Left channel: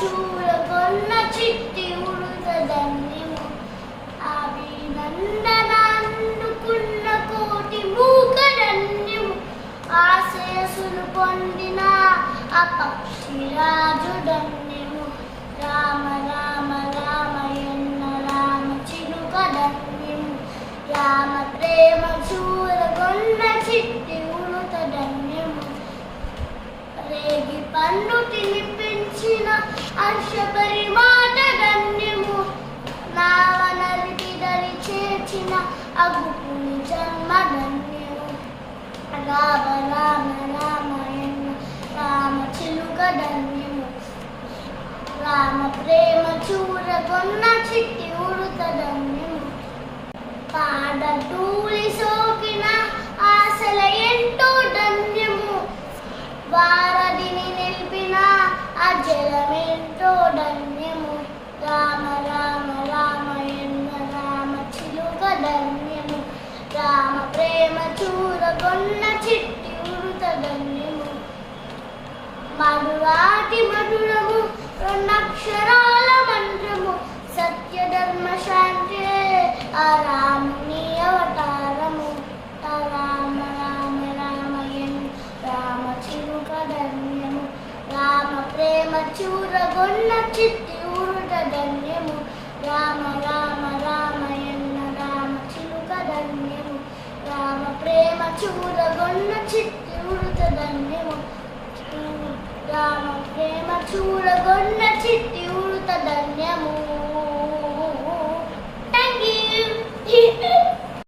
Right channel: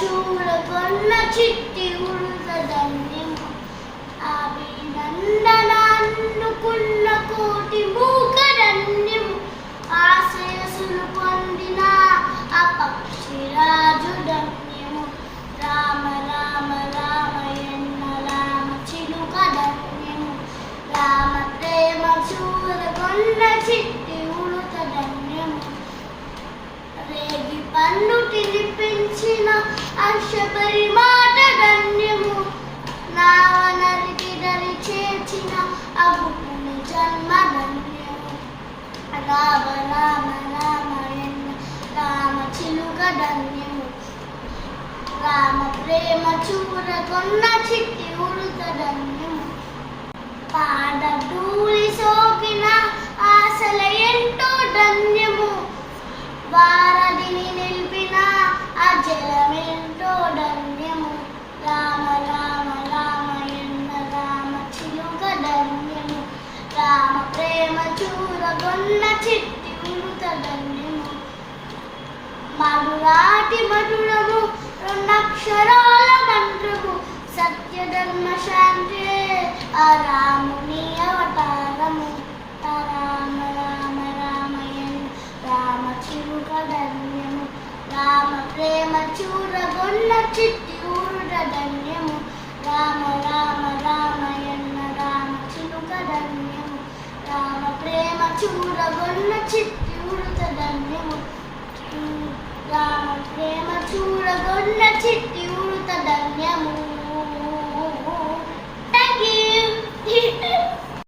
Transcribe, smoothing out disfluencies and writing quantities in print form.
చూరగొన్న చిట్టి ఉడుత ధన్యము అభినందనాన్నుకున్న కోటి మూక ధన్యము ఆశయసులు పొందిన అపక్షిరాజు ధన్యము రామ రామ రామయన్న రామ చిలుక ధన్యము రామ ప్రేమ చూరగొన్న చిట్టి ఉడుత ధన్యము రేగి పన్ను తినిపించిన అక్షపరి మాట ధన్యము నావనరికి దరి చేర్చిన అగుపుని జన్మ ధన్యము రామ రామ రామయన్న రామ చిలుక ధన్యము రామ ప్రేమ చూరగొన్న చిట్టి ఉడుత ధన్యము పాద ధూళి సోకిన ఆశల ఎంతో ధన్యము వారధిని నిలిపిన అజలమెంతో ధన్యము రామ రామ రామయన్న రామ చిలుక ధన్యము రామ ప్రేమ చూరగొన్న చిట్టి ఉడుత ధన్యము మధురాతి మధురము రెండక్షరాల మంత్రము సత్యధర్మ శాంతి ఆ రాముని అవతారము రామ రామ రామయన్న రామ చిలుక ధన్యము రామ ప్రేమ చూరగొన్న చిట్టి ఉడుత ధన్యము రామ రామ రామయన్న రామ చిలుక ధన్యము రామ ప్రేమ చూరగొన్న చిట్టి ఉడుత ధన్యము రామ ప్రేమ చూరగొన్న చిట్టి ఉడుత ధన్యము. Thank you.